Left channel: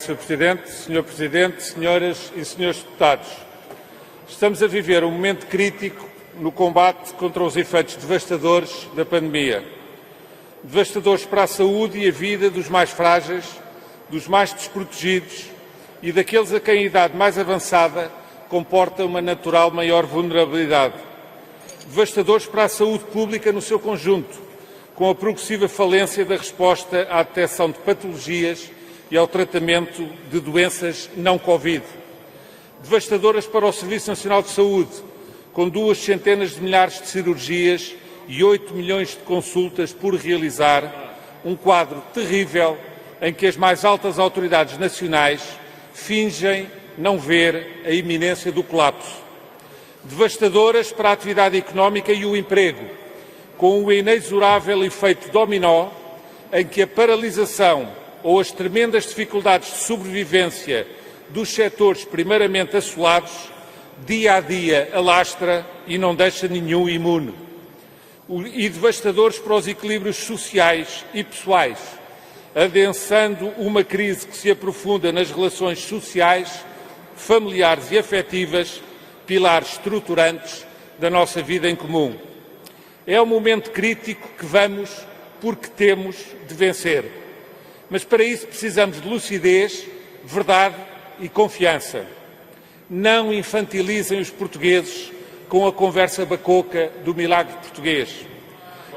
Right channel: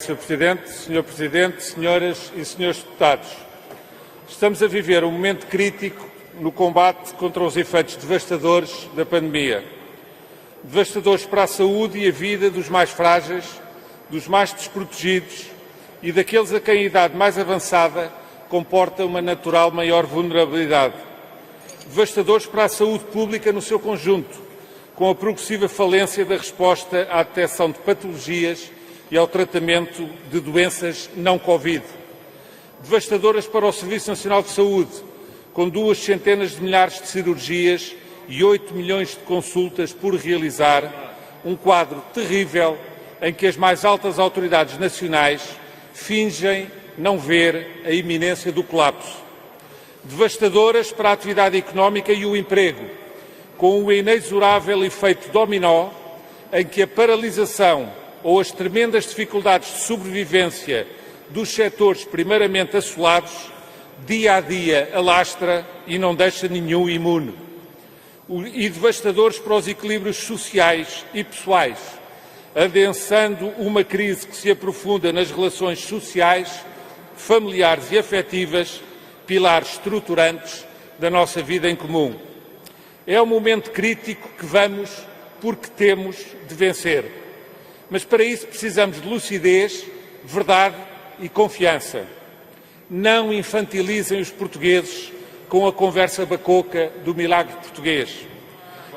Sr. Presidente, senhoras e senhores deputados, estamos a viver um momento crítico no combate contra os efeitos devastadores da pandemia. Devastadores para a saúde e a vida dos mais frágeis, dos mais desprotegidos e daqueles a quem a idade mais avançada comporta uma natural maior vulnerabilidade. Devastadores para a saúde pública no seu conjunto, com a progressiva falência da resposta à detecção de patologias e ao tratamento de doenças não Covid. Devastadoras para o Serviço Nacional de Saúde, com 200 de milhares de cirurgias e 8 milhões de consultas por realizar, um quadro terrível em que as mais altas autoridades nacionais fingem não ver a iminência do colapso. Devastadoras para a atividade económica e o emprego, com o inexorável efeito dominó em que a paralisação ou as tremendas dificuldades de sobrevivência dos setores primeiramente assolados, dia a dia alastra e não deixa nenhum imune. E devastadores para os equilíbrios sociais e pessoais, adensando uma crise que se aprofunda nas relações sociais, familiares e afetivas, pilares estruturantes da nossa vida em comum. É um momento crítico que vamos, porque temos, de vencer. Mas para isso precisamos de lucidez, verdade e confiança. Não infantilizem os portugueses com a conversa bacoca do milagre português.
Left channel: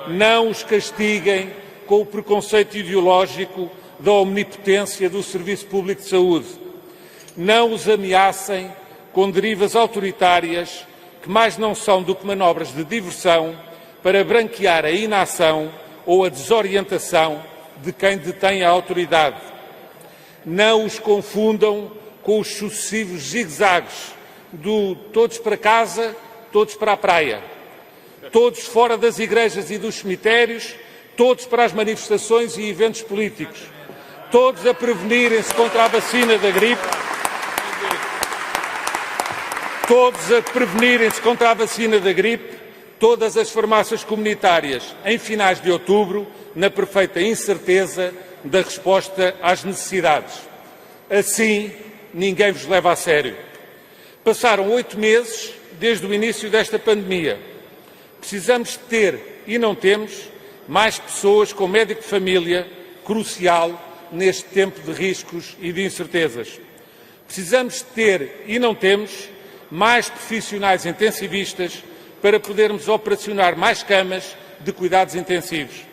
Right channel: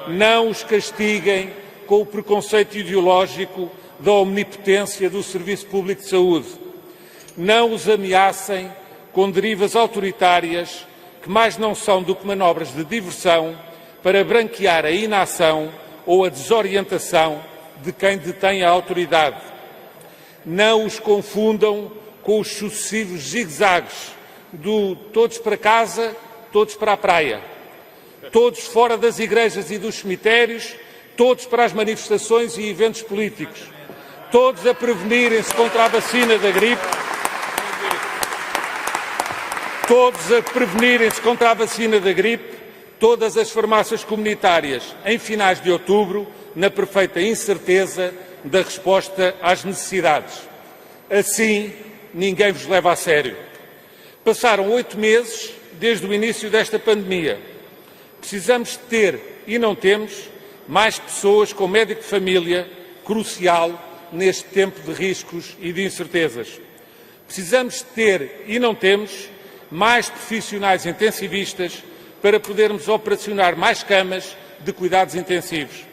Não os castiguem com o preconceito ideológico da omnipotência do Serviço Público de Saúde. Não os ameacem com derivas autoritárias que mais não são do que manobras de diversão para branquear a inação ou a desorientação de quem detém a autoridade. Não os confundam com os sucessivos zigue-zagues do todos para casa, todos para a praia, todos fora das igrejas e dos cemitérios, todos para as manifestações e eventos políticos, todos a prevenirem-se contra a vacina da gripe, todos a prevenirem-se contra a vacina da gripe, todas as farmácias comunitárias em finais de outubro, na perfeita incerteza da resposta às necessidades. Assim, ninguém vos leva a sério. Passaram 8 meses desde o início desta pandemia. Precisamos de ter, e não temos, mais pessoas com médico de família, crucial neste tempo de riscos e de incertezas. Precisamos de ter, e não temos, mais profissionais intensivistas para podermos operacionar mais camas de cuidados intensivos.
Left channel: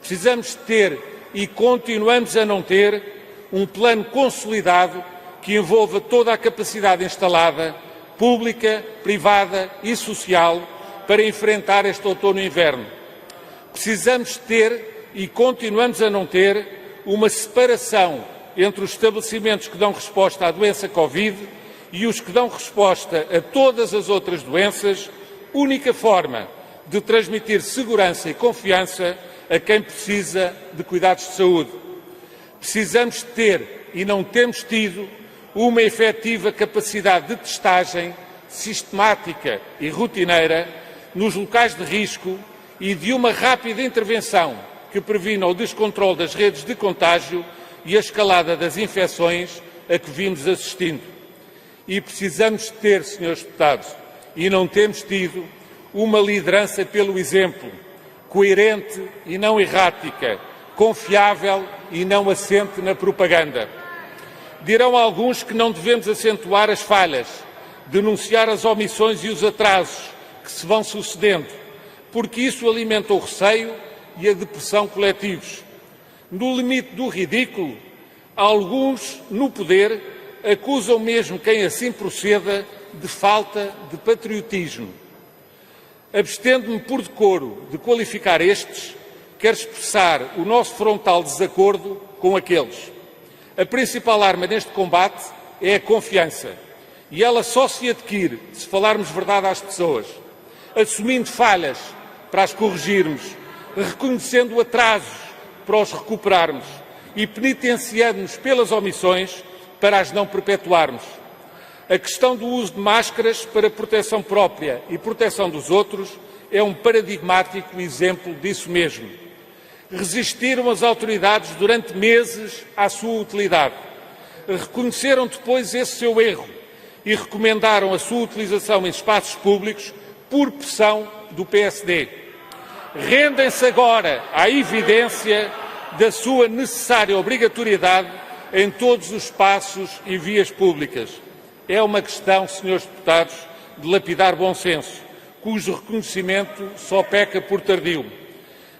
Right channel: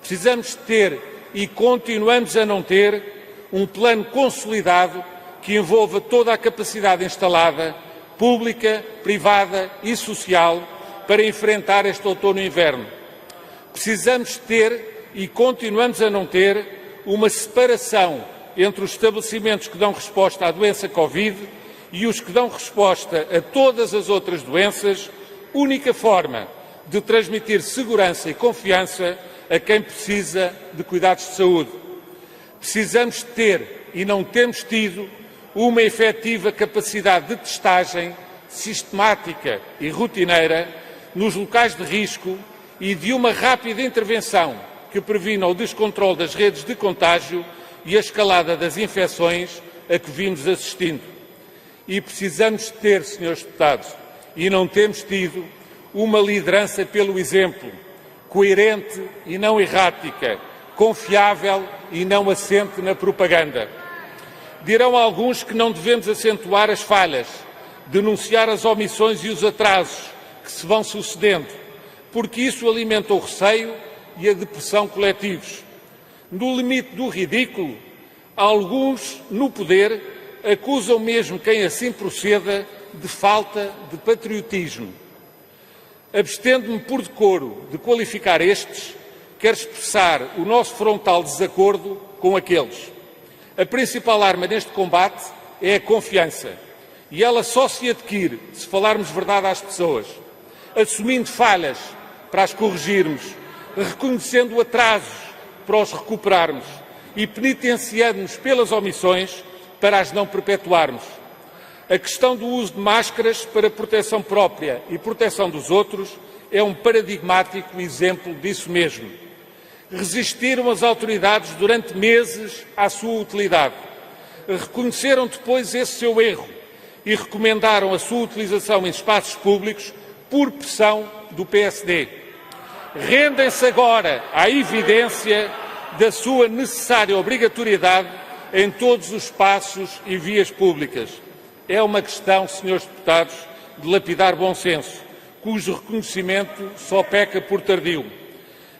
Precisamos de ter, e continuamos a não ter, um plano consolidado que envolva toda a capacidade instalada, pública, privada e social, para enfrentar este outono e inverno. Precisamos de ter, e continuamos a não ter, uma separação entre os estabelecimentos que dão resposta à doença Covid e os que dão resposta a todas as outras doenças, única forma de transmitir segurança e confiança a quem precisa de cuidados de saúde. Precisamos de ter, e não temos tido, uma efetiva capacidade de testagem sistemática e rotineira nos locais de risco e de uma rápida intervenção que previna o descontrole das redes de contágio e a escalada das infecções a que vimos assistindo. E precisamos de ter, senhores deputados, e não temos tido, uma liderança pelo exemplo, coerente e não errática, confiável e não assente na propaganda. Dirão alguns que não devemos acentuar as falhas, denunciar as omissões e os atrasos que se vão sucedendo, porque isso alimenta o receio e a depressão coletivos. No limite do ridículo, alguns, no poder, acusam mesmo quem assim proceda de falta de patriotismo. Abstendo-me por decoro de qualificar estes, quero expressar o nosso frontal desacordo com aqueles. A principal arma neste combate é a confiança, e ela só se adquire se falarmos verdade às pessoas, assumindo falhas para as corrigirmos, reconhecendo atrasos para os recuperarmos e penitenciando-nos pelas omissões para as não perpetuarmos. A questão do uso de máscaras para proteção própria e proteção dos outros é um paradigmático exemplo disso mesmo. Resistiram as autoridades durante meses à sua utilidade. reconheceram depois esse seu erro e recomendaram a sua utilização em espaços públicos por pressão do PSD. Rendem-se agora à evidência da sua necessária obrigatoriedade em todos os espaços e vias públicas. É uma questão, senhores deputados, de lapidar bom senso, cujo reconhecimento só peca por tardio.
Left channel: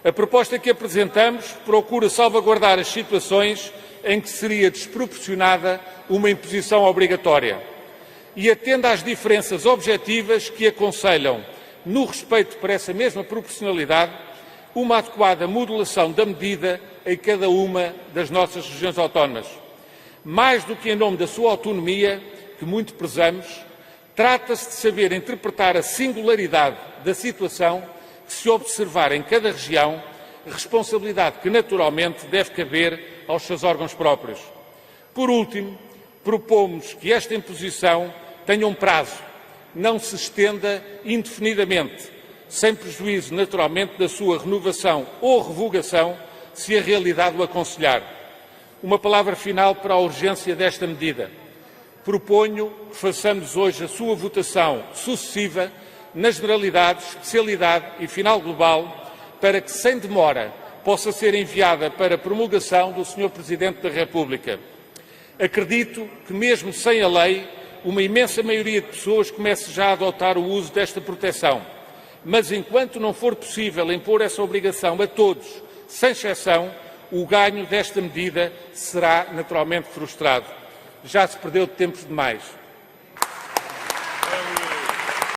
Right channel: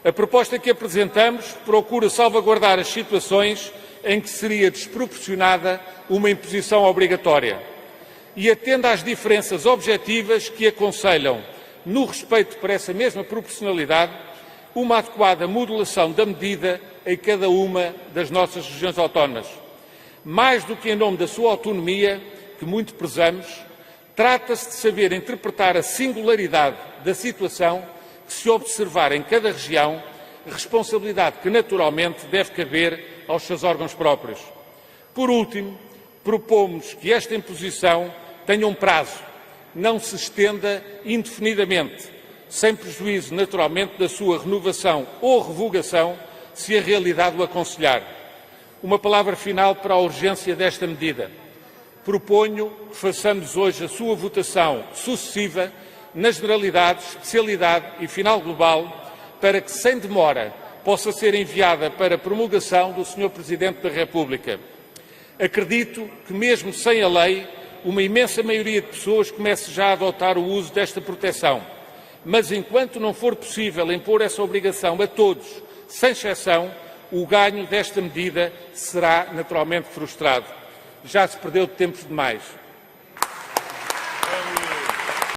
A proposta que apresentamos procura salvaguardar as situações em que seria desproporcionada uma imposição obrigatória e atende às diferenças objetivas que aconselham, no respeito por essa mesma proporcionalidade, uma adequada modulação da medida em cada uma das nossas regiões autónomas. Mais do que em nome da sua autonomia, que muito prezamos, trata-se de saber interpretar a singularidade da situação que se observar em cada região, responsabilidade que naturalmente deve caber aos seus órgãos próprios. Por último, propomos que esta imposição tenha um prazo, não se estenda indefinidamente, sem prejuízo naturalmente da sua renovação ou revogação, se a realidade o aconselhar. Uma palavra final para a urgência desta medida. Proponho que façamos hoje a sua votação sucessiva na generalidade, especialidade e final global, para que, sem demora, possa ser enviada para promulgação do Sr. Presidente da República. Acredito que, mesmo sem a lei, uma imensa maioria de pessoas comece já a adotar o uso desta proteção. Mas, enquanto não for possível impor essa obrigação a todos, sem exceção, o ganho desta medida será naturalmente frustrado. Já se perdeu de tempos demais.